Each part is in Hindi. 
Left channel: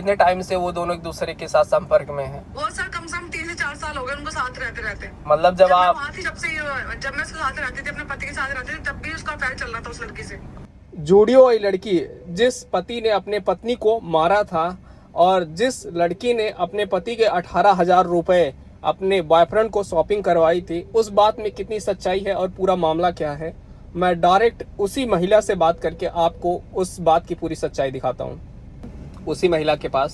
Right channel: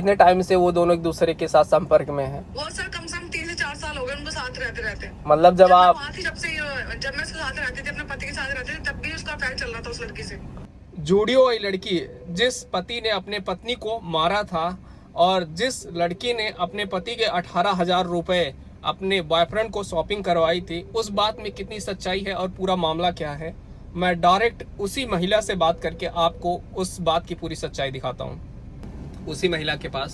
कितने टाइम से वो दोनों एक दूसरे के साथ संपर्क में हैं? वो सर कम से कम 3 से 4 साल हो गए उनको साथ रहते रहते। मतलब जब मैं आप वहाँ थी, जब मैं उसके साथ रहती थी, अपने पति के साथ रहती थी, तब भी उसका अफेयर चल रहा था उस लड़की से। जूडियो वही लड़की जिस पति ने अपने पत्नी को मारा था और जिस लड़की ने अपने पति के 18,000 रुपए अपने बॉयफ्रेंड को शॉपिंग करवाई थी, उस बात में कितनी सच्चाई है और पूरा मामला क्या है, मैं डायरेक्ट उसी महिला से बात करके आपको उस बात की पूरी सच्चाई दिखाता हूँ उसी महिला के पास।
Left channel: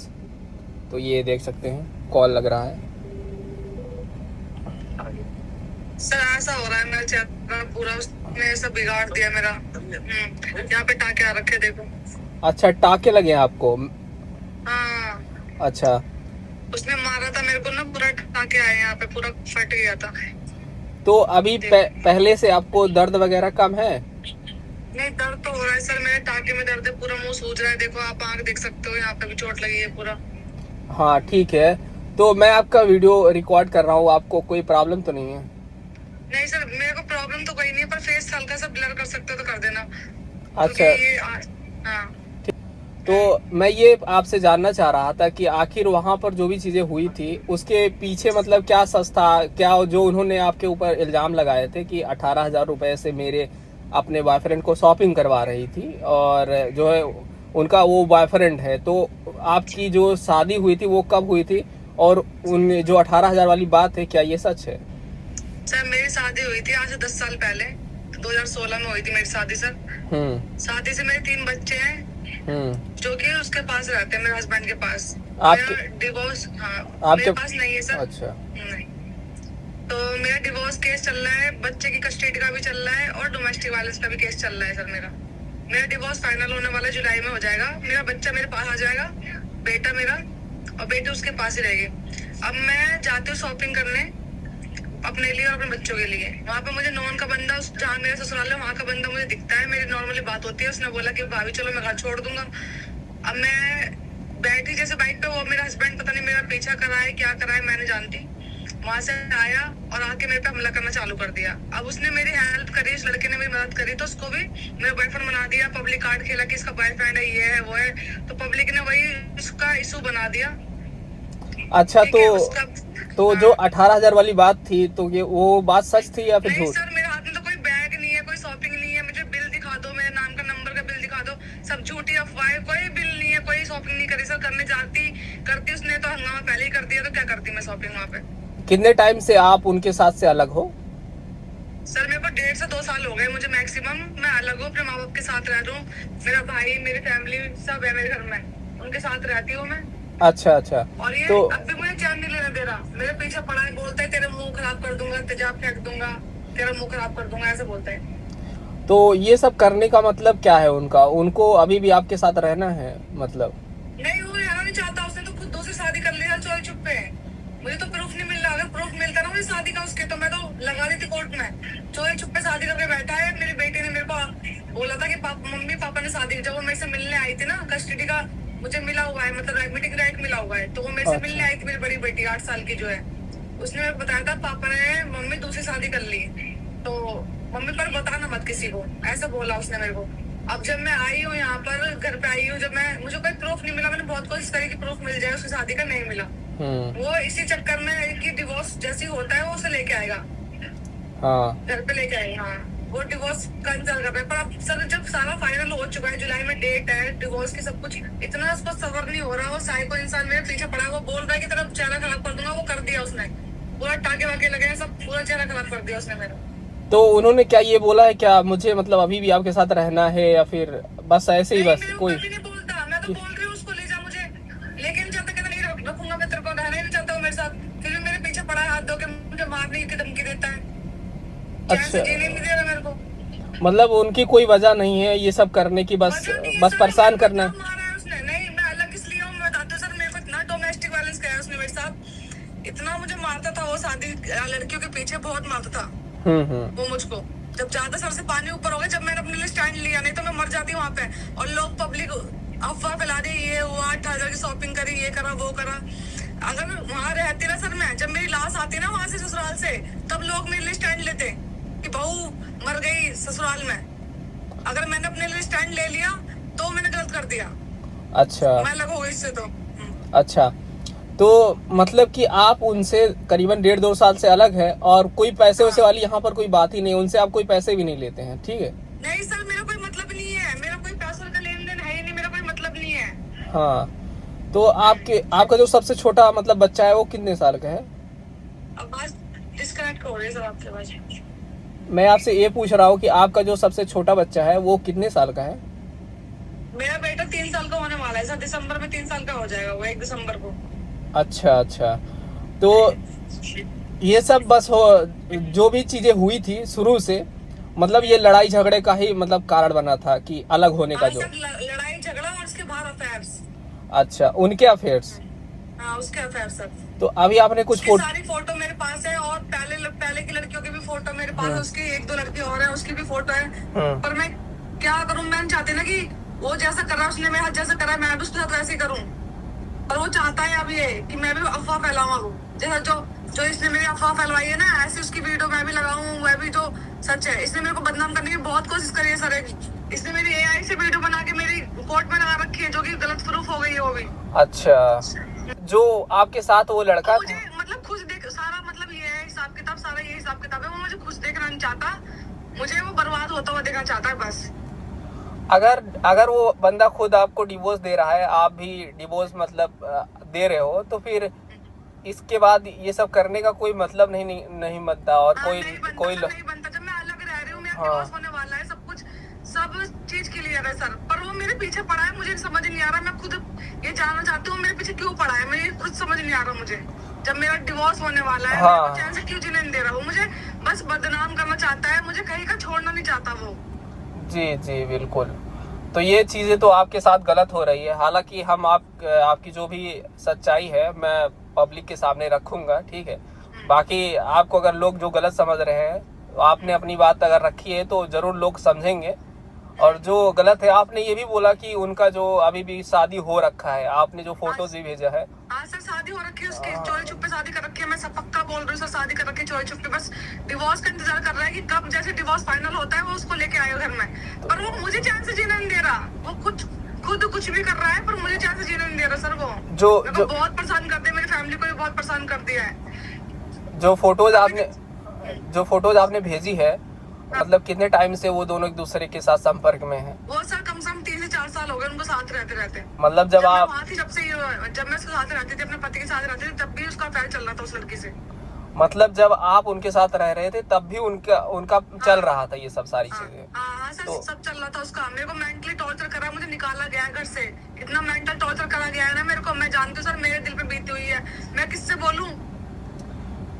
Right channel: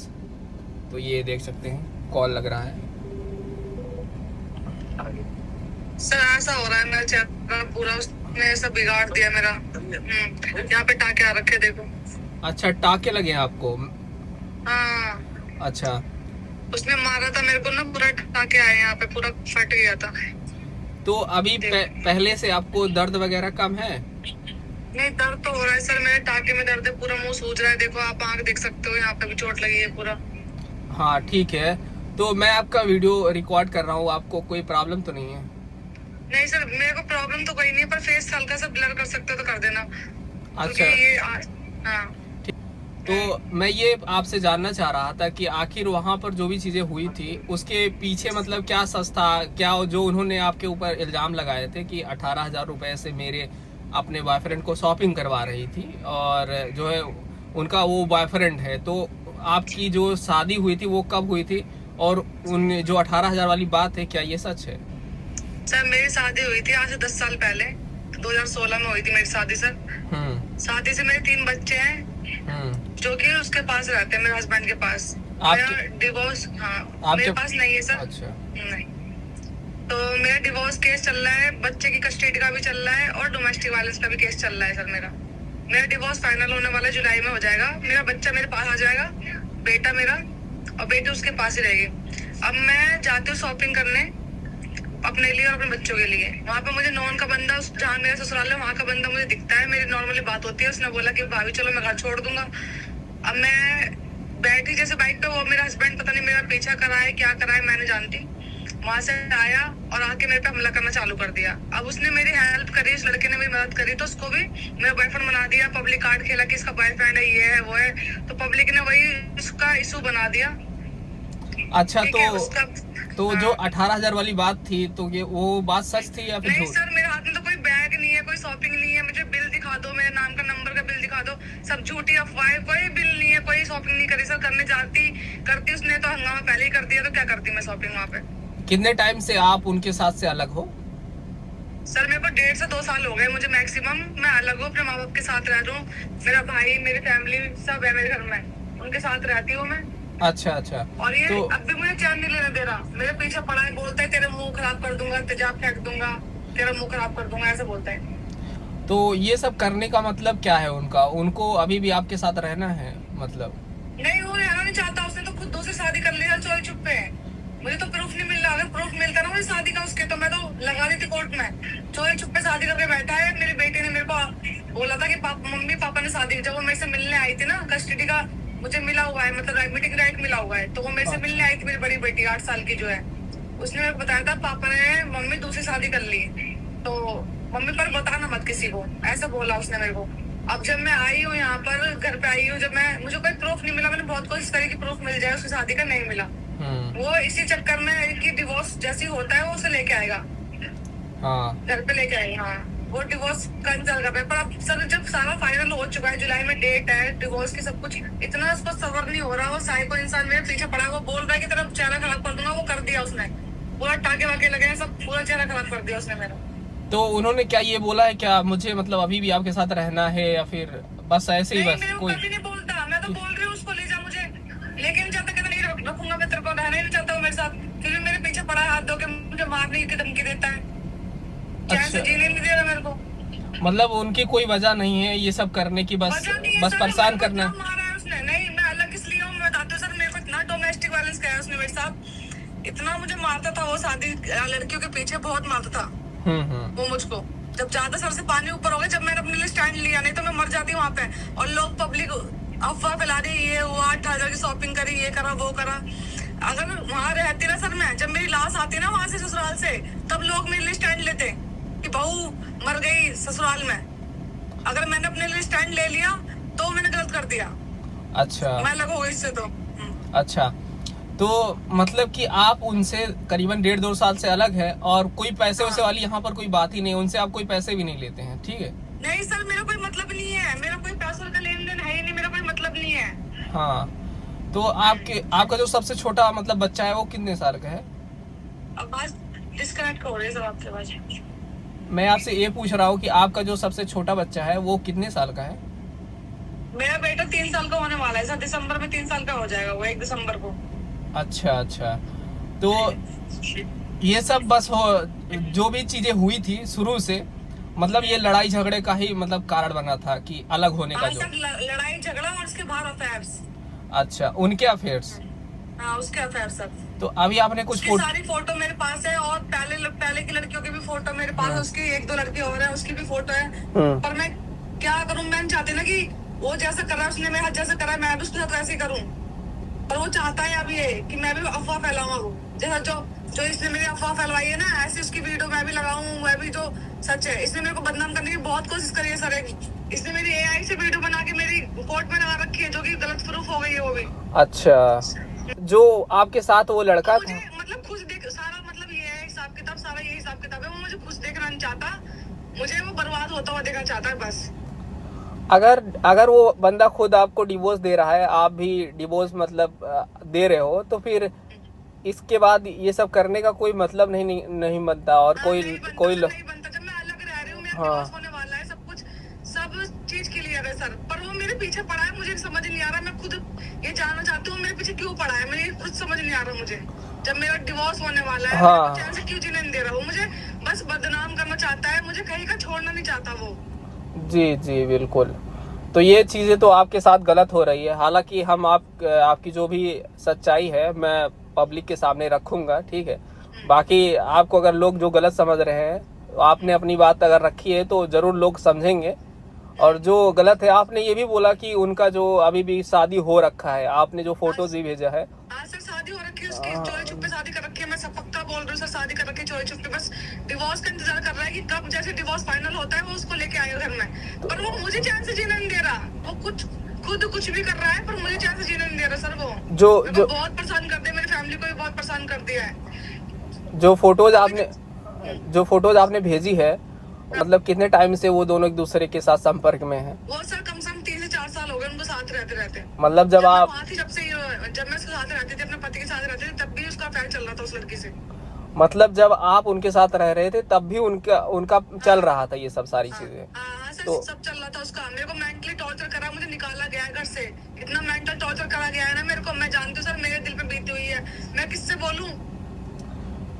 तो ये देख सकते हैं कॉल लग रहा है। सर ऐसा हो रहा है, मेरा चेहरा पूरा उसने सब बिगाड़ दिया मेरा। यहाँ पे टाके आ रखे देखो। अच्छा, टाके लगे हैं आपको? हाँ। अच्छा, उसने मारा था मेरे को ना, पूरा टाके आए यहाँ पे, पूरा फट गया था। तो अभी पहले से आपको दर्द वगैरह कम है? नहीं, दर्द तो हो रहा है सर, मेरे टाके में दर्द है, पूरा मुंह सूज रहा है। देखो आप आंख देख सकते हो, यहाँ पे भी चोट लगी है पूरा। हाँ ठीक है, तो मैं आपका वीडियो रिकॉर्ड कर रहा हूँ, आपको कोई प्रॉब्लम तो नहीं है? नहीं सर, मेरे को प्रॉब्लम तो कोई नहीं है, पर फेस हल्का सा ब्लर कर सकते हो तो कर देना। अच्छा। ये हाँ। तो मैं ये आपसे जानना चाह रहा था कि आखिर वहाँ पर जो भी चीजें हुई थी उसके पीछे मतलब क्या सच था, क्या जो उन्होंने आपके ऊपर इल्जाम लगाए थे कि 18,000 रुपए से मेरे अपने बॉयफ्रेंड को शॉपिंग करवा रही थी और जो है उनका वो बॉयफ्रेंड है, तो आपकी जो शादी हुई थी वो कब हुई थी और उन जो 18,000 वाली बात है क्या ये सच है? सर मेरी शादी हुई थी आज से 10 साल पहले, 2016 में हुई थी मेरी शादी सर। शादी से मेरे 3 बच्चे हैं जो कि उसके पास रहते हैं, मेरे हस्बैंड के पास। मेरा डिवोर्स मेरे पास नहीं है सर। अच्छा। नहीं, तो मेरा डिवोर्स केस चल रहा है, बच्चे की कस्टडी का भी चल रहा है और डोमेस्टिक वायलेंस का भी केस चल रहा है सर। मेरा डिवोर्स फाइनल होने वाला है, जुलाई में हो जाएगा। मेरा बच्चा मेरे पास आ जाएगा, बेटा मेरा, और बेटी उसके पास ही रहेगी। अब मैं जाती हूँ शॉपिंग करने अपने लिए और अपने बच्चों के लिए। वहाँ पे मुझे नॉन का बंदा, जहाँ मेरा ससुराल है वहाँ का बंदा मुझे दिखता है, मेरी नॉर्मली बात होती है। उसने बोला कि भाभी चलो मैं घर छोड़ दूंगा। अब मैं बैठी जैसे बाइक पे, वो मेरा हस्बैंड पता नहीं मेरा पीछा करा है क्या करा है मैं नहीं जानती, वहां से आया और आके मेरे पे हमला करना चालू कर दिया। अब उसने मेरी हेल्प करी, उस लड़के ने मेरी मदद करी, तो उसको भी मेरा बॉयफ्रेंड बना दिया। पब्लिक कार्ड खेला कि इसका बॉयफ्रेंड है, ये है वो है, तो पब्लिक ने वही उसका इशू बना दिया। अच्छा, तो जो 18,000 वाली बात थी, तो ये वो बात सच थी या फिर नहीं झूठ? सर, मेरे हाथ में तो कोई बैग नहीं है, कोई शॉपिंग नहीं है, मुझे बिल दिखा दो, मेरे नाम का नंबर का बिल दिखा दो, सब झूठी अफवाह, कोई बिल नहीं है, कोई शॉपिंग नहीं करी सर। करने करती उसने तो हंगामा पहले ही कर दिया, तो क्या करती मैं शॉपिंग वहाँ पे। कितने टाइम से आप उनके साथ से अलग हो? सर मेरे को 1.5 से 2 साल हो गए मुझे मैक्सिमम। मैं अलग हूँ, अपने माँ बाप के साथ रह रहा हूँ। मेरा भाई, मेरी फैमिली सब है मेरे घर में, उनके साथ रहती हूँ मैं। अच्छा अच्छा। और ये तो अब भी मुझे चैन नहीं लेने दे रहा, मेरे पीछे पड़ा है, बोलता है तेरे मुंह खराब कर दूंगा, तेजाब फेंक दूंगा, तेरा मुंह खराब कर दूंगा, ऐसे बोलता है। तो ये सब करने का मतलब क्या है उनका? उनको अभी भी आपके साथ रहना है मतलब? नहीं, वो रहना नहीं चाहता, उसने तो खुद दूसरी शादी कर लिया चोरी छुपे। मुझे तो प्रूफ नहीं मिल रहा, अगर प्रूफ मिलता ना मुझे शादी का उसके, तो मैं तो लगा दी थी कोर्ट में। चोरी छुपे शादी करके बैठा है। मेरी बेटी ने मेरे को बोला था कि मम्मी पापा ने शादी, जब वो मेरे से मिलने आई थी ना, कस्टडी का मुझे मिला हुआ है, मतलब एडमिटिंग राइट मिला हुआ है, तो वो मेरे से मिलने आई थी, मेरी बड़ी बेटी 8 साल की जो है। उसने मेरे को बताया था पापा ने मम्मी दूसरी शादी कर ली, तो मम्मी पर बताना मत किसी को, ऐसा बोला उसने मेरे को। अब जब मैं आई हूँ यहाँ पर, घर पे आई हूँ, जब मुझे कोई प्रूफ नहीं मिला, मैंने बहुत कोशिश करी कि प्रूफ मिल जाए उसकी शादी का, नहीं मिला। वो इसी चक्कर में है कि डिवोर्स जैसी होता है वो उसे लेके आएगा, घर पे लेके आएगा। हाँ, वो डिवोर्स कैंसिल कर रहे हैं। पर अब सर जब सारा फाइनल हो चुका है, जुलाई में डेट है डिवोर्स की, सब कुछ इतना उसको सबर नहीं हो रहा। वो साइको इंसान मेरे पीछे पड़ा है, वो बोल रहा है कि तेरा चेहरा खराब कर दूंगा। वो कर दिया उसने, पूरा टाके वाके लगे हैं, सब पूरा चेहरा खराब कर दिया उसने मेरा। तो उन्होंने क्या ये बोला है क्या मुझे मतलब अभी भी आपके साथ रहना है या फिर बस ऐसे ही? बस कोई नहीं बोलता, मैं तो बोल रही हूँ उसको ले जा मुझे, लेकिन जब तक नहीं रखूंगा मैं तेरे को, रहना ही नहीं चाहता हूँ मेरे साथ। फिर भी मेरे पीछे पड़ा है, हाथ धो के मुझे मारने की धमकी देता है। अच्छा, जीने नहीं दे रहा मेरे को। मतलब उनकी कोई वजह नहीं है ये सब करने की, बस परेशान करना। मारा है उसने। नहीं, मैं अलग इसलिए हूँ, मैं बताती हूँ सर। मेरे को इतना डोमेस्टिक वायलेंस किया उसने मेरे साथ, इतना मुझे मारता था वो, शादी लड़कियों के पीछे बहुत मारता था वो मुझको। जब ज्यादा सर से पानी ऊपर हो गया, जब मैंने अपने लिए स्टैंड लिया, नहीं तो मैं मर जाती वहाँ पे। और लोग पब्लिक अफवाह फैला रही, ये हुआ 18,000 की शॉपिंग करी, ये करा वो करा। अगर वहाँ रहती ना सर, मैं जब मेरी लाश आती ना वहां से ससुराल से, तब लोग मेरे लिए स्टैंड लेते कि बहू मर गई ससुराल में। अगर मैंने अपने लिए स्टैंड ले लिया तो मैंने गलत कर दिया। अच्छा, मैं अलग हो गई इससे तो। अच्छा, तो मतलब कि आप उनसे करीबन 1.5-2 साल से अलग है और कोई पैसे वैसे वाली यहाँ पर कोई बात ही नहीं, उनसे आप कोई पैसे भी नहीं लेते हैं, ठीक है? नहीं सर, मेरा कोई मतलब नहीं है, मेरा कोई पैसों का लेन देन है ही नहीं, मेरा कोई मतलब नहीं है। हाँ, तो आपका जो सबसे छोटा मतलब बच्चा है वो कितने साल का है? अब बात डिस्कनेक्ट हो रही है सर आपके पास। मैं आपसे ये पूछ रहा हूँ कि आपका जो सबसे छोटा बच्चा है वो कितने साल का है? मेरा बेटा 3 साल का होने वाला है सर, दिसंबर में 3 साल का हो जाएगा वो, 1 दिसंबर को। अच्छा अच्छा, तो ये सब बस हो, जो भी चीजें हुई थी शुरू से, मतलब ये लड़ाई झगड़े का ही मतलब कारण बना था कि अलग होने का हाँ जो। सर, लड़ाई झगड़ा और उसके बाहर अफेयर्स। अच्छा, उनके अफेयर्स। हाँ, उसके अफेयर सर। तो अभी आपने कुछ उसकी सारी फोटो मेरे पास है, और पहले की लड़कियों की भी फोटो मेरे पास है, उसकी 1-2 लड़की और है, उसकी भी फोटो है। पर मैं क्या करूं, मैं नहीं चाहती ना कि वो जैसा कर रहा है, उसने मेरे हाथ जैसा करा है, मैं भी उसके साथ वैसे ही करूं। पर वो चाहता है अब ये कि मैं भी अफवाह फैलाऊं, वो जैसा जो इसने मेरी अफवाह फैलवाई है ना, ऐसे उसकी वीडियो मैं भी लगाऊं, वह भी जो सच है। इसने मेरे को बदनाम करने की बहुत कोशिश करी है सर। इसने मेरी AI से वीडियो बना के मेरी कोर्ट में लगा रखी है, जो कि गलत प्रूफ हो गई है वो भी। अच्छा, जो आपके साथ वो लड़का मुझे मतलब खुश देख सारा, मतलब ये है हिसाब किताब, सारा ये हिसाब किताब है। वो मुझे खुश देखना नहीं चाहता, मुझे वो बर्बाद होता हुआ देखना चाहता है बस। अगर वो बंदा खुद आपको डिवोर्स दे रहा है, आप भी डिवोर्स मतलब दे रहे हो, तो फिर इसके बाद ये सब करने का कोई मतलब नहीं बनता। और हाँ, नहीं बनता। जब मैं अलग रह रही हूँ, मेरा डिवोर्स होने वाला है, सब चीज क्लियर है सर। पर वो मेरे पीछे पड़ा है, मुझे समझ नहीं आ रहा। मैं खुद ये जानना चाहती हूँ मेरे पीछे क्यों पड़ा है, मुझे कुछ समझ नहीं आ रहा मुझे। जब मेरा डिवोर्स होने वाला है, मेरे को चैन से क्यों जीने नहीं दे रहा। वो मुझे बस बदनाम करना चाहता है, मुझे कहीं का छोड़ना नहीं चाहता वो। जी जी बिल्कुल। तो ये चीजें तो आपके साथ गलत हो रही है। हालांकि हम आपकी जो भी सच्चाई है मैं पब्लिक के सामने रखूंगा, ठीक है? बाकी आपको अगर लोग जो गलत समझ रहे हैं, तो आपने अपनी बात अगर रखी है तो जरूर लोग समझेंगे। और जो गलत है, आपने ये भी बोला कि उनका जो अभी भी शादी हो रखा है, आपने जो फोटोज भी भेजा है। हाँ सर, शादी हो रखी है उसकी, चोरी छुपे शादी कर रखी है। मैं सब पक्का बोल रही हूँ सर, शादी कर रखी है चोरी छुपे। बस डिवोर्स का इंतजार कर रहा है कि कब जैसे डिवोर्स फाइनल होता है वो उसको लेके आएगा घर में। पर वो मुझे चैन से जीना नहीं दे रहा। वो खुद कुछ भी कर रहा है, पर मुझे चैन से जीना नहीं दे रहा सर। वो मेरे को बहुत परेशान कर दिया, मेरी फैमिली को भी बहुत परेशान कर दिया है। जो फोटोज आपने भेजी है, मतलब कितने टाइम से वो दोनों एक दूसरे के साथ संपर्क में हैं? वो सर कम से कम 3 से 4 साल हो गए उनको साथ रहते। मतलब जब आप वहाँ थी, जब मैं उसके साथ रहती थी, अपने पति के साथ रहती थी, तब भी उसका अफेयर चल रहा था उस लड़की से। मतलब जब आप उनके साथ रह रहे थे तब भी उनका चल रहा था ये सब सारी चीजें? हाँ सर, सब चल रहा था उसका। मेरे को मेंटली टॉर्चर करा, मुझे निकाला गया है घर से। इतना मेंटल टॉर्चर करा गया है ना मेरे को, मैं जानती हूँ सर, मेरे दिल पे बीती हुई है। मैं किससे बोलूँ,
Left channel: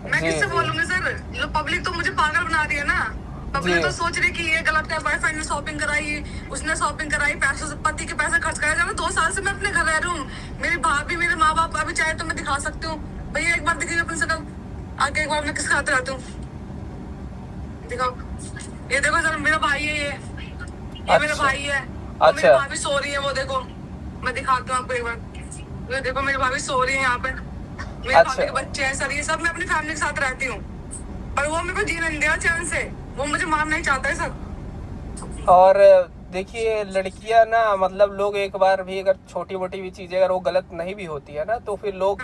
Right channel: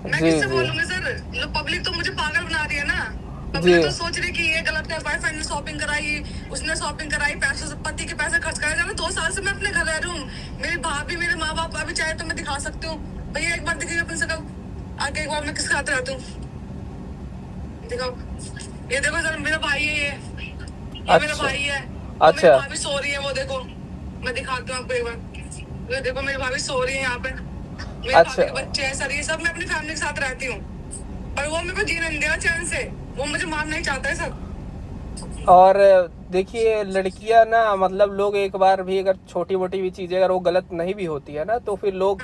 मैं किससे बोलूंगी सर? पब्लिक तो मुझे पागल बना रही है ना। पब्लिक तो सोच रही कि ये गलत है, बॉयफ्रेंड ने शॉपिंग कराई, उसने शॉपिंग कराई, पैसे पति के पैसे खर्च कराए। जब 2 साल से मैं अपने घर रह रही हूँ, मेरी भाभी, मेरे माँ बाप अभी चाहे तो मैं दिखा सकती हूँ। भैया एक बार दिखिए अपने शकल, आके एक बार मैं किसके हाथ रहती हूँ, दिखाओ। ये देखो सर, मेरा भाई है ये मेरा भाई है। और मेरी भाभी सो रही है, वो देखो, मैं दिखाती हूँ आपको एक बार। ये देखो मेरी भाभी सो रही है यहाँ पे, मेरे भाभी के बच्चे हैं सर। ये सब मैं अपनी फैमिली के साथ रहती हूँ, पर वो मेरे को जीना नहीं दिया चैन से। वो मुझे मारना ही चाहता है सर। और देखिए लड़कियां ना, मतलब लोग एक बार भी अगर छोटी मोटी भी चीजें अगर वो गलत नहीं भी होती है ना, तो फिर लोग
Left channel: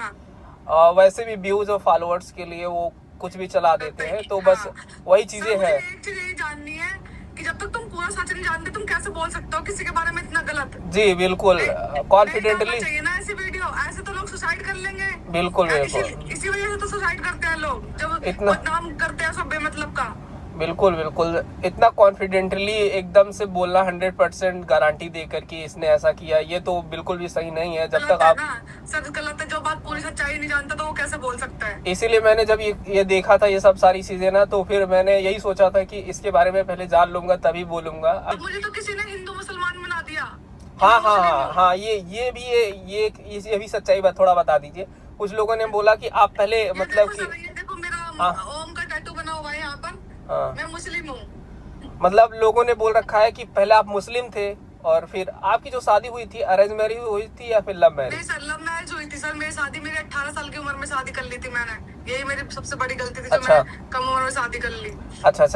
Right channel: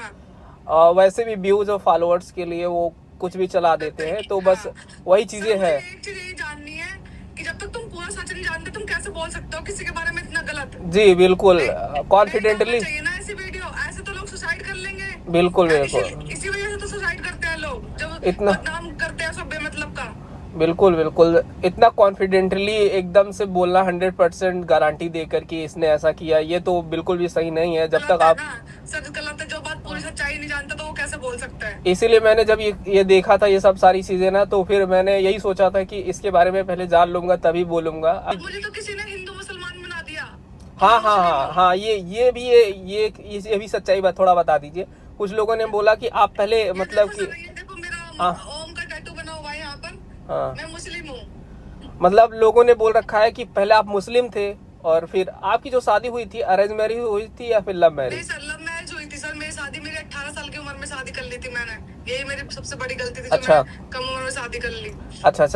वैसे भी व्यूज और फॉलोअर्स के लिए वो कुछ भी चला देते हैं। तो बस वही चीजें हैं। मुझे एक चीज यही जाननी है कि जब तक तुम पूरा सच नहीं जानते, तुम कैसे बोल सकते हो किसी के बारे में इतना गलत? जी बिल्कुल, कॉन्फिडेंटली चाहिए ना ऐसी वीडियो। ऐसे तो लोग सुसाइड कर लेंगे। बिल्कुल इसी वजह से तो सुसाइड करते हैं लोग, जब इतना बदनाम करते हैं सब बेमतलब का। बिल्कुल इतना कॉन्फिडेंटली एकदम से बोलना 100% गारंटी देकर कि इसने ऐसा किया, ये तो बिल्कुल भी सही नहीं है। जब तक आप सर गलत है, जो बात पूरी सच्चाई नहीं जानता तो वो कैसे बोल सकता है? इसीलिए मैंने जब ये देखा था ये सब सारी चीजें ना, तो फिर मैंने यही सोचा था कि इसके बारे में पहले जान लूंगा तभी बोलूंगा। मुझे तो किसी ने हिंदू मुसलमान बना दिया। हाँ, ये भी सच्चाई बात थोड़ा बता दीजिए। कुछ लोगों ने बोला कि आप पहले मतलब ये देखो मेरा ओम का टैटू बना हुआ है यहाँ पर। मैं मुस्लिम हूँ। मतलब लोगों ने बोल रखा है कि पहले आप मुस्लिम थे, और फिर आपकी जो शादी हुई थी अरेंज मैरिज हुई थी या फिर लव मैरिज? नहीं सर, लव मैरिज हुई थी सर। मेरी शादी, मेरी 18 साल की उम्र में शादी कर ली थी मैंने। यही मेरी सबसे बड़ी गलती थी, जो मैंने कम उम्र में शादी कर ली। अच्छा,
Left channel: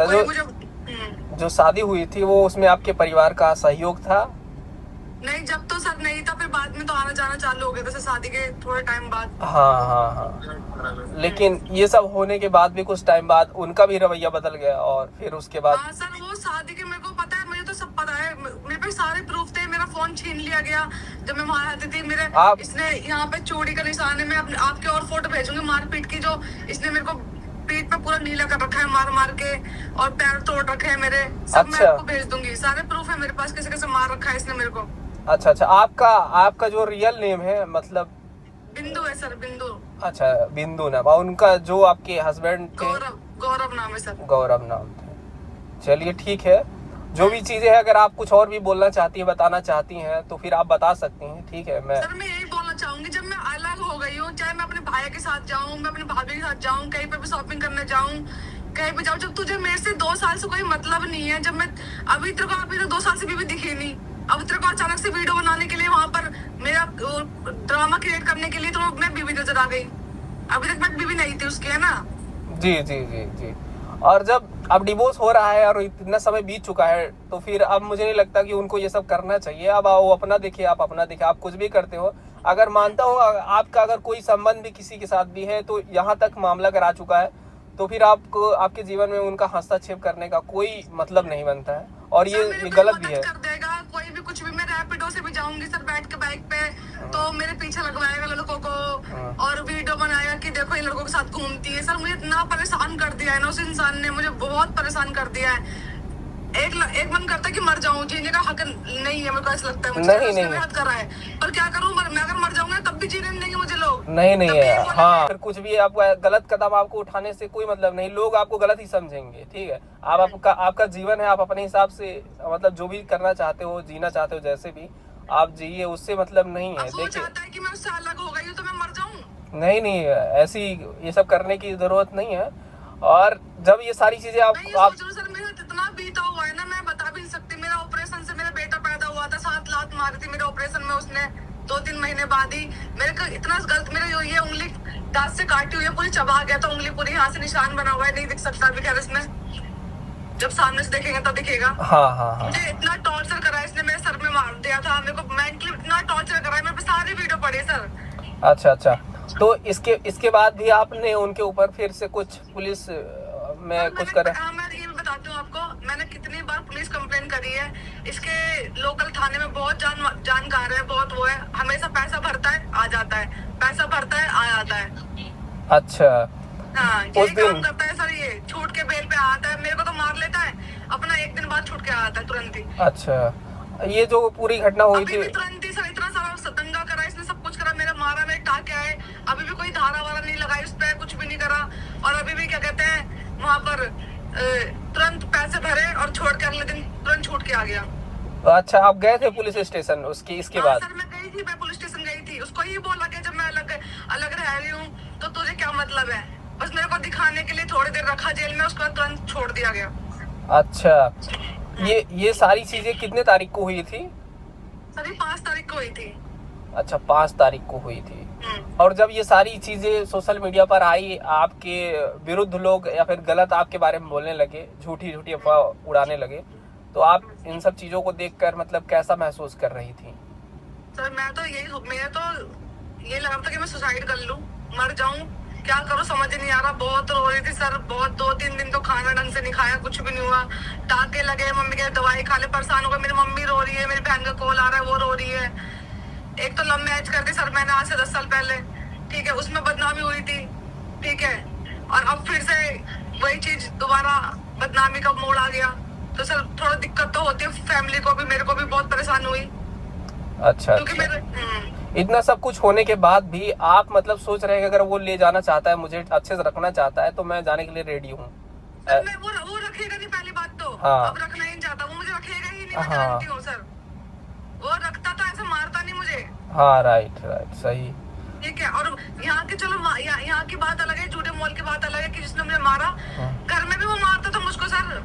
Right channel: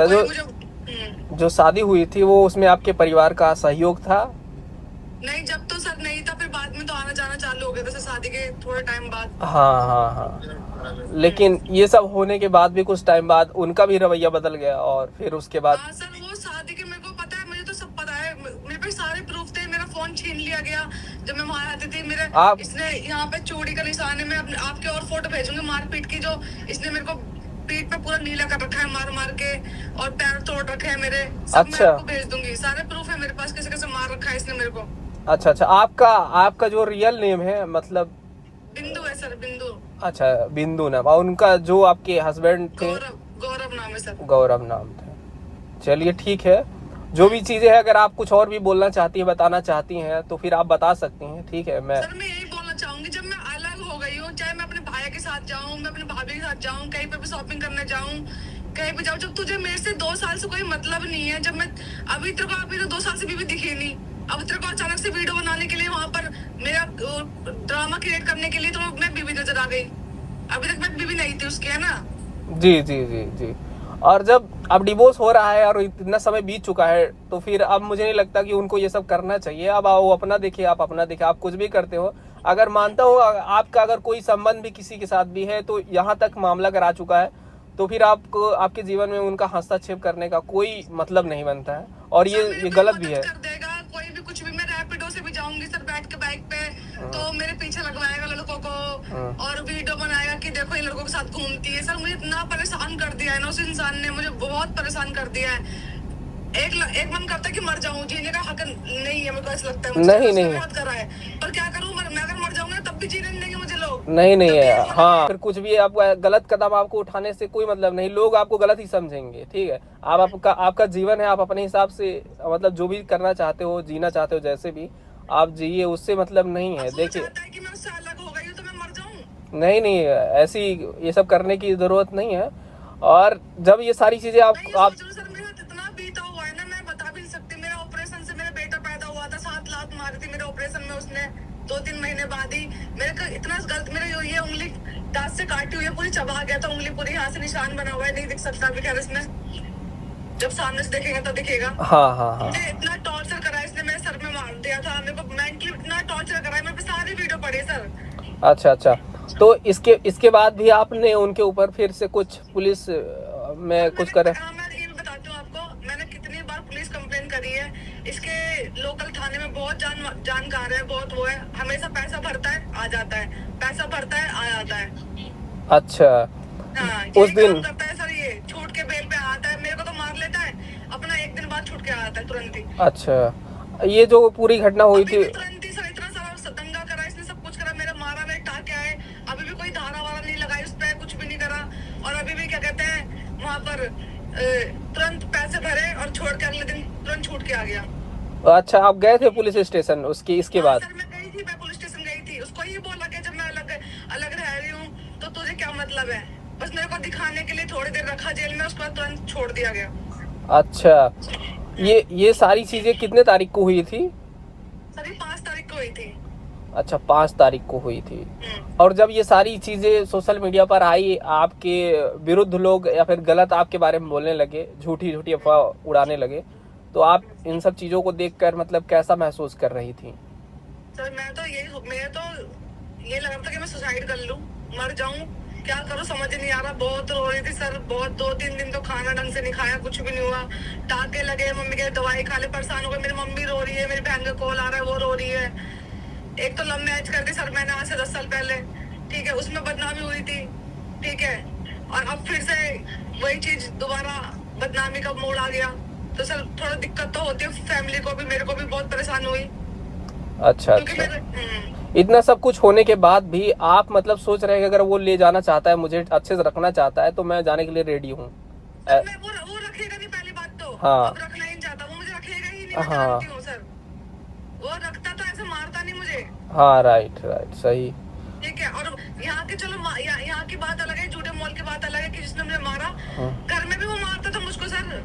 जो शादी हुई थी वो उसमें आपके परिवार का सहयोग था? नहीं, जब तो सर नहीं था, फिर बाद में तो आना जाना चालू हो गया था सर, शादी के थोड़े टाइम बाद। हाँ हाँ हाँ, लेकिन ये सब होने के बाद भी कुछ टाइम बाद उनका भी रवैया बदल गया और फिर उसके बाद। हाँ सर, वो शादी के मेरे को पता है, मुझे तो सब पता है, मेरे पे सारे प्रूफ थे। मेरा फोन छीन लिया गया जब मैं वहां आती थी। मेरे इसने यहाँ पे चोरी का निशान है। मैं आपके और फोटो भेजूंगी मारपीट की, जो इसने मेरे को पीठ पे पूरा नीला कर रखा है मार मार के, और पैर तोड़ रखे हैं मेरे सब। मैं आपको भेज दूंगी, सारे प्रूफ है मेरे पास, कैसे कैसे मार रखा है इसने मेरे को। अच्छा अच्छा, आपका जो रियल नेम है मतलब? बिंदु है सर, बिंदु। अच्छा, बिंदु नाम। और उनका जो आपके हस्बैंड थे? गौरव नाम है सर। गौरव नाम था। चलिए ठीक है, जो भी चीजें हैं, अगर आप कुछ और भी बोलना चाहती हैं, बताना चाहती हैं, तो फिर आप बता सकती हैं। ठीक है, मैं सर मैं यही बोलना चाहूंगी, जब मैं अलग हो गई हूँ, चाहे मैं अपने भाई के साथ जाऊँ, मैं अपने भाभी के साथ जाऊँ, कहीं पे भी शॉपिंग करने जाऊँ, कहीं पे जाऊँ, जब तुझे मेरे से 2 साल से कोई मतलब नहीं है, जब मैं अभी तेरे को अभी तो 2 साल से बीवी दिखी नहीं, अब तेरे को अचानक से वीडियो बनाने के लिए वहां पर मेरा ड्रामा क्रिएट करने के लिए तो मैं बीवी नजर आ गई। अभी तक मैं बीवी नहीं थी उसकी, है ना? जी जी जी जी। और जब अब डिवोर्स हो रहा है और इतना समय बीत चुका है, तो फिर अब मुझे नहीं लगता कि उनको ये सब करना चाहिए। अब वो अपना देखिए, आप अपना देखिए, आप कुछ भी करते हो। अगर मानता हूँ आपका अगर कोई संबंध भी किसी के साथ भी है, तो यहाँ तक मामला करा चुका है, तो फिर आपको आपके जीवन में उनका हस्तक्षेप करने का कोई मतलब नहीं बनता है, और ये गलत भी है। कर देगा कोई भी कुछ भी। मैं रैपिडो से भी जाऊंगी सर बैठ के बाइक पे, तो मेरे पीछे लगवाएगा लड़कों को और वीडियो बनाएगा कि देखो इन लड़कों के साथ घूमती है। सर मुझे इतना परेशान कर दिया है ना उस इंसान ने, मुझे बहुत परेशान कर दिया है। एक मन करता है कि मर जाऊं, जीने का हक नहीं है मेरे को, ऐसा लगता है मुझे। नहीं हद कर रहा है, पर क्या करूं, मैं अगर मर जाऊंगा तब भी जीने नहीं देंगे मुझे लोग। नहीं है, हाँ, फिर कुछ भी आपको गलत कदम आपको उठाने से कोई मतलब नहीं, लोग आपको गलत ही समझेंगे। ठीक है, आपका जीवन है, आप अपने हिसाब से मतलब जो भी करना चाहते हो, जीना चाहते हो, जैसे भी आप जिए, उससे मतलब नहीं है। देखिए, चाहता है कि मैं उससे अलग हो गई हूं तो मैं मर जाऊं। नहीं, ऐसी ये सब करने की जरूरत नहीं है। और जब ये सारी चीजें आप सर मेरा इतना बीता हुआ है ना, मैं बता भी नहीं सकती। मेरा ऑपरेशन से मेरा बेटा पैदा हुआ था, 7 लात मारी थी मेरे ऑपरेशन में उसने 2-3 महीने बाद ही। मेरे को इतना गलत, मेरे ये उंगली दांत से काटी हुई है, पूरी चबा गया था उंगली पूरी, यहाँ से निशान बना हुआ है, नहीं दिख सकता अभी। खैर इसमें जब सामने से देखेंगे तब दिखेगा। हाँ। मुझे इतना टॉर्चर करा इसने, मेरे सर में मार दिया था, मेरे को मेंटली इतना टॉर्चर करा है। मेरे पे सारी वीडियो पड़ी सर। अच्छा, तो इसके बाद भी आपने उनके ऊपर फिर से कुछ पुलिस में कुछ करे? हाँ, मैं ये भी बताती हूँ आपको, मैंने कितनी बार पुलिस कंप्लेन करी है। इसके लोकल थाने में बहुत जानकार है, बहुत वो है, हमेशा पैसा भरता है आ जाता है, पैसा भरता है आ जाता है। अच्छा, हाँ, यही काम करता है सर। ये छूट के बेल पे आता है, मेरे को तो मार लेता है, अपना 1 दिन बाद छूट के आता है तुरंत ही। अच्छा, ये जो पूरी घटना हुई थी, तुरंत ही सर, इतना सारा दंगा करा इसने, सब कुछ करा, मेरा मारा, मेरे टाके आए, अभी भी कोई धारा वारा नहीं लगाई उस पर, कुछ भी नहीं करा। और अभी भी क्या कहते हैं, वहाँ पर तुरंत पैसे भरे और छोड़ के अगले दिन तुरंत छूट के आ गया। अच्छा, आप गए थे पुलिस स्टेशन इसके बाद? सर मैं गई थी, मैं पुलिस स्टेशन गई थी। उसको ये बोला कि जब मैं अलग रह रही हूँ तो तुझे क्या मतलब है, बस मेरे को दिखाने के लिए थोड़ी देर रखा जेल में, उसके बाद तुरंत छोड़ दिया गया। अच्छा, ये सारी चीजें कितने तारीख को हुई थी? सर 5 तारीख को हुई थी। अच्छा, 5 तारीख को हुई थी। और जब ये सारी चीजें सोशल मीडिया पर आई, आपके विरुद्ध लोग या फिर गलत आपके बारे में बोलने लगे, झूठी अफवाह उड़ाने लगे, तो आप इन सब चीजों को देखकर मतलब कैसा महसूस कर रही थी? सर मैं तो मेरे तो ये लग रहा था कि मैं सुसाइड कर लूं, मर जाऊं, क्या करूं समझ नहीं आ रहा। बहुत रो रही थी सर, बहुत 2-3 दिन तो खाना ढंग से नहीं खाया, कुछ भी नहीं हुआ, टाके लगे, मम्मी के दवाई खाने परेशान हो गए। मेरी मम्मी रो रही है, मेरी बहन का कॉल आ रहा है, वो रो रही है। एक तो लव मैरिज कर दी सर मैंने आज से 10 साल पहले, ठीक है, उसमें बदनामी हुई थी, ठीक है, और अब फिर से वही चीज दोबारा बदनामी का मोड़ आ गया, तो सर थोड़ा दिक्कत तो होती है फैमिली को भी, मेरे को भी बहुत परेशान हुई। अच्छा, क्योंकि मेरे इतना सब कुछ होने के बाद भी आप मतलब सोच रहे हैं कि अगर वो ले जाना चाहता है, मुझे अच्छे से रखना चाहता है, तो मैं जाने के लिए रेडी हूँ। वो रखेगा नहीं, पहली बात तो। हाँ। अब रखना ही नहीं चाहता, वो मुझे रखेगा ही नहीं, मैं जानती हूँ सर। वो रखता तो ऐसे मारता नहीं मुझे। हाँ, राइट, सही, ठीक है। और यहाँ की चलो यहाँ की बात अलग है, झूठे मॉल की बात अलग है कि जिसने मुझे मारा, घर में भी वो मारता था मुझको सर।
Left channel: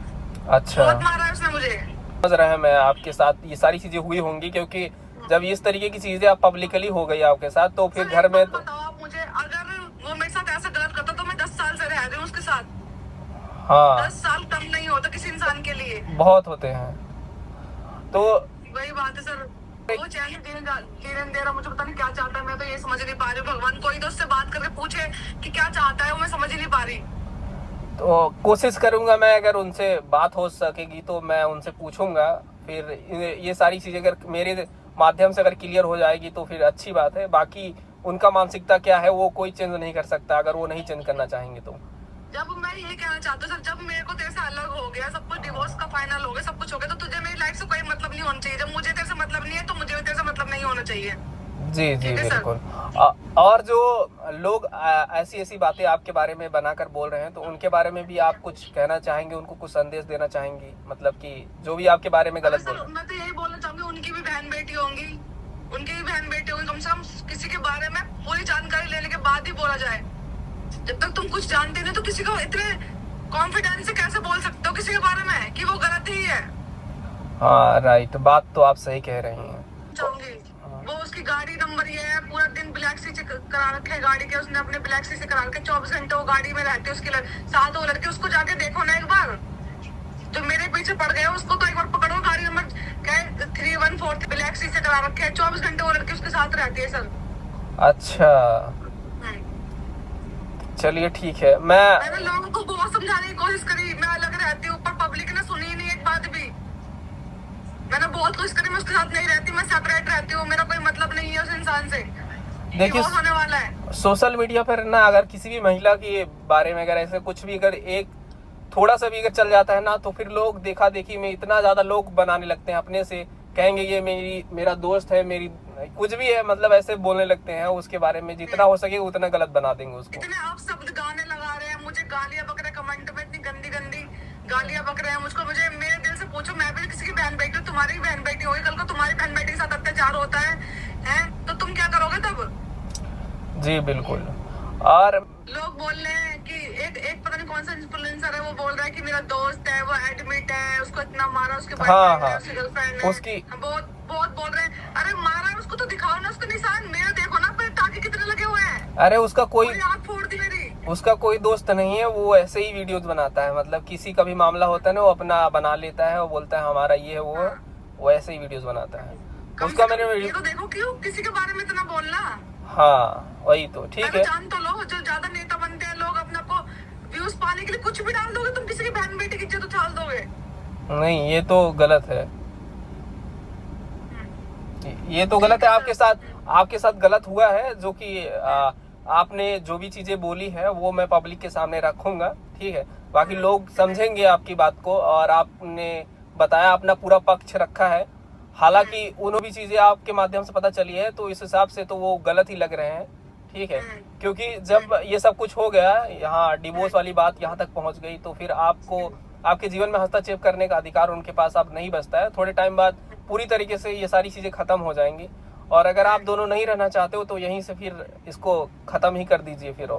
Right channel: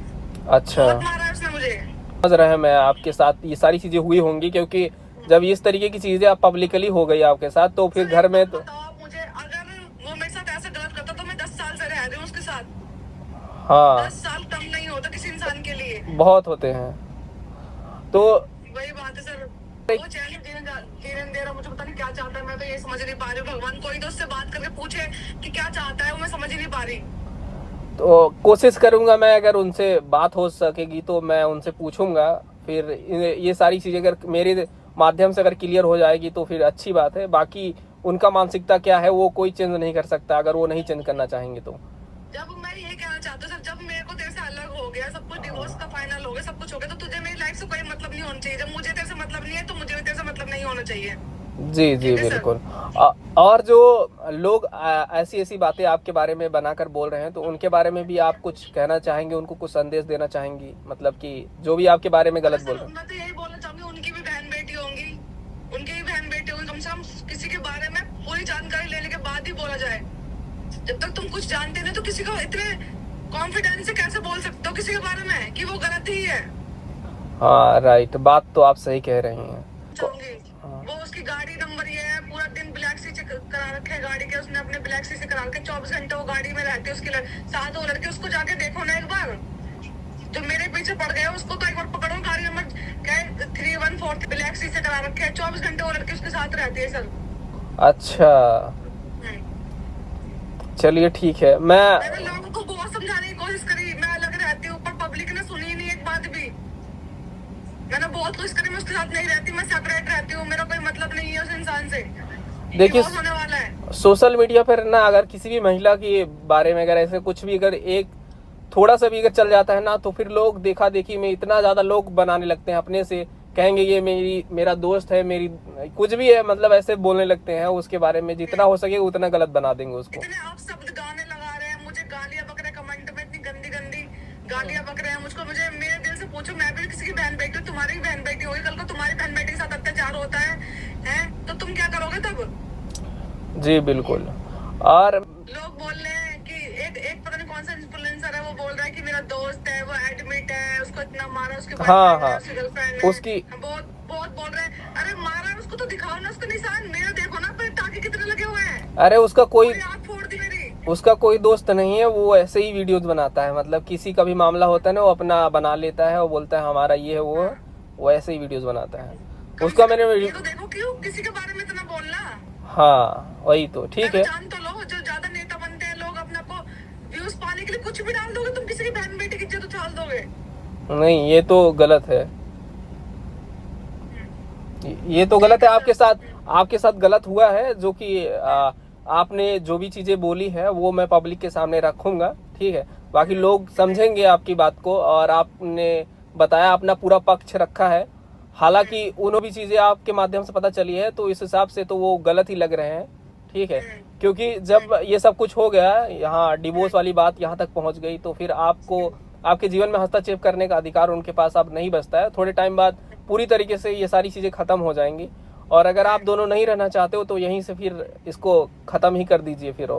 अच्छा, बहुत मारा है उसने मुझे। समझ रहे हैं, मैं आपके साथ ये सारी चीजें हुई होंगी, क्योंकि जब इस तरीके की चीजें आप पब्लिकली हो गई आपके साथ, तो फिर घर में तो बताओ आप मुझे, अगर वो मेरे साथ ऐसा गलत करता तो मैं 10 साल से रह रही हूँ उसके साथ। हाँ, 10 साल कम नहीं होता किसी इंसान के लिए, बहुत होते हैं। तो वही बात है सर। वो चैन दे रहा, मुझे पता नहीं क्या चाहता है, मैं तो ये समझ नहीं पा रही हूँ। भगवान कोई तो उससे बात करके पूछे कि क्या चाहता है, वो मैं समझ ही नहीं पा रही। तो कोशिश करूंगा मैं, अगर उनसे बात हो सकेगी तो मैं उनसे पूछूंगा। फिर ये सारी चीजें अगर मेरे माध्यम से अगर क्लियर हो जाएगी तो फिर अच्छी बात है। बाकी उनका मानसिकता क्या है वो कोई चेंज नहीं कर सकता, अगर वो नहीं चेंज करना चाहेंगे तो। जब मैं यही कहना चाहती हूँ सर, जब मेरे को तेरे से अलग हो गया, सब कुछ डिवोर्स का फाइनल हो गया, सब कुछ हो गया, तो तुझे मेरी लाइफ से कोई मतलब नहीं होना चाहिए। जब मुझे तेरे से मतलब नहीं है तो मुझे भी तेरे से मतलब नहीं होना चाहिए। जी जी ठीक है सर। बिल्कुल। और जो लोग ऐसी ऐसी बातें आपके बारे में बनाकर बोल रहे हैं, तो उनके बारे में भी आप कुछ कहना चाहेंगे, उनको कुछ संदेश देना चाहेंगी? मतलब कि जो भी आपके बारे में अरे गलत बोल सर रहे मैं तो यही बोलना चाहूंगी, उनकी भी बहन बेटी होंगी, उनकी भी बहन बेटी होंगी, कम से कम किसी के बारे में पूरी जानकारी लेने के बाद ही बोला जाए। जब तक तुम कुछ जानते नहीं तो किसी को इतने कॉन्फिडेंस से कैसे बोल सकते हो किसी के बारे में कि वो गलत ही है। हाँ राइट, बात तो आप सही कह रही हैं। चाहूंगी वो उसकी गाड़ी नंबर ये है, पूरा दिन ब्लैक सी करा रखे है गाड़ी के, उसने अपने ब्लैक सी से करा रखे, 24 घंटे वो गाड़ी में रहती है उसके साथ वो लड़के। उसको जाके देखो ना एक बार, जो मेरे पीछे पड़ गए उसको तो एक बार पकड़ो। गाड़ी नंबर क्या है 314 ब्लैक सी से करा रखे है, 24 घंटे वो लड़के उसके साथ रहती है सर। अच्छा चलिए ठीक है। मैंने लोगों को बहुत समझाने की कोशिश करी, मैं अलग रहती हूँ, पर पब्लिक ने सुनी नहीं एक बात भी। मैंने बहुत कोशिश करी, मैं उसके साथ नहीं रहती, मैं सेपरेट रहती हूँ, मेरा कोई मतलब नहीं है उस इंसान से। देखिए होने वाला है सोशल मीडिया पर ना, अगर किसी भी महिला के बारे में अगर ऐसे कुछ भी अगर एक थोड़ा सा भी अगर चल जाता है ना, तो फिर लोग देखा देखी में इतना ज्यादा लोग बनाने लगते हैं अपने से, कहेंगे ये मेरा दोस्त है, मेरी कुछ भी है, मतलब ऐसे बोलने लगते हैं उसके बारे में। जितना हो सके उतना गलत बना देंगे उसको। इतने आप शब्द गाने लगा रहे हैं, मुझे गालियां बक रहे, कमेंट में इतनी गंदी गंदी गालियां बक रहे हैं मुझको। मुझे मेरे दिल से पूछो, मैं भी किसी की बहन बेटी हूँ, तुम्हारी बहन बेटी होगी, कल को तुम्हारी बहन बेटी के साथ अत्याचार होता है तो तुम क्या करोगे तब? जी बिल्कुल। और लोग बोल रहे हैं कि एक पता नहीं कौन सा इन्फ्लुएंसर है, वो बोल रहा है कि मेरा दोस्त है, वो एडमिट है, उसको इतना मारा, उसके बॉयफ्रेंड है, उसकी गर्लफ्रेंड है, उसकी बहुत बहुत बोल रहे हैं। अरे मारा है उसको तो दिखाओ ना, उसका निशान मेरे देखो ना, फिर टाके कितने लगे हुए हैं। अरे उसका कोई आँख फोड़ दी मेरी। उसका कोई दोस्त नहीं है, वो ऐसे ही वीडियोस बनाता है। मतलब किसी का भी मामला होता है ना, वो अपना बना लेता है, वो बोलता है हमारा ये है वो ऐसे ही वीडियोस बनाता है। उसका मैंने ये तो देखो क्यों किसी के बारे में इतना बोलना। हाँ वही तो ठीक है। जान तो लो, जो ज्यादा नेता बनते हैं लोग अपने को व्यूज पाने के लिए कुछ भी डाल दोगे, तुम किसी की बहन बेटी की इज्जत उछाल दोगे। नहीं ये तो गलत है, ये तो गलत है। आपके साथ गलत हुआ है, जो कि आपने जो भी चीजें बोली है वो मैं पब्लिक के सामने रखूंगा, ठीक है। बाकी लोग समझेंगे आपकी बात को, और आपने बताया अपना पूरा पक्ष रखा है। हालांकि उन्होंने भी चीजें आपके माध्यम से पता चली है, तो इस हिसाब से तो वो गलत ही लग रहे हैं, ठीक है। क्योंकि जब ये सब कुछ हो गया, यहाँ डिवोर्स वाली बात यहाँ तक पहुंच गई, तो फिर आपको आपके जीवन में हस्तक्षेप करने का अधिकार उनके पास अब नहीं बचता है। थोड़े टाइम बाद पूरी तरीके से ये सारी चीजें खत्म हो जाएंगी, और अगर आप दोनों नहीं रहना चाहते हो तो यहीं से फिर इसको खत्म ही कर दीजिए। फिर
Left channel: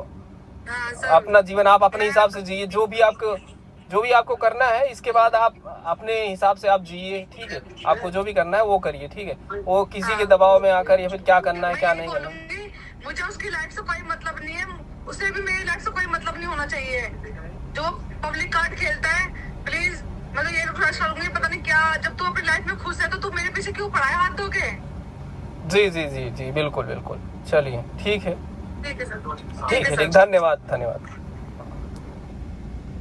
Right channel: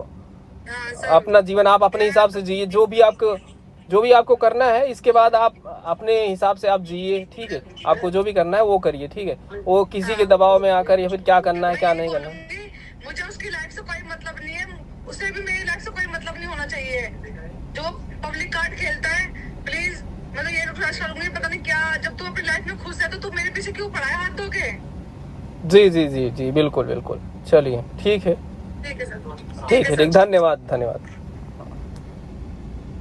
अपना जीवन आप अपने हिसाब से जिए, जो भी आपको करना है, इसके बाद आप अपने हिसाब से आप जिए, ठीक है। आपको जो भी करना है वो करिए, ठीक है। वो किसी के दबाव में आकर या फिर क्या करना है क्या नहीं करना है। मुझे उसकी लाइफ से कोई मतलब नहीं है, उसे भी मेरी लाइफ से कोई मतलब नहीं होना चाहिए। जो पब्लिक कार्ड खेलता है, प्लीज मैं तो ये रिक्वेस्ट करूंगी, पता नहीं क्या, जब तू अपनी लाइफ में खुश है तो तू मेरे पीछे क्यों पड़ा है हाथ धो के? जी जी जी जी बिल्कुल बिल्कुल। चलिए ठीक है, ठीक है सर, ठीक है, धन्यवाद।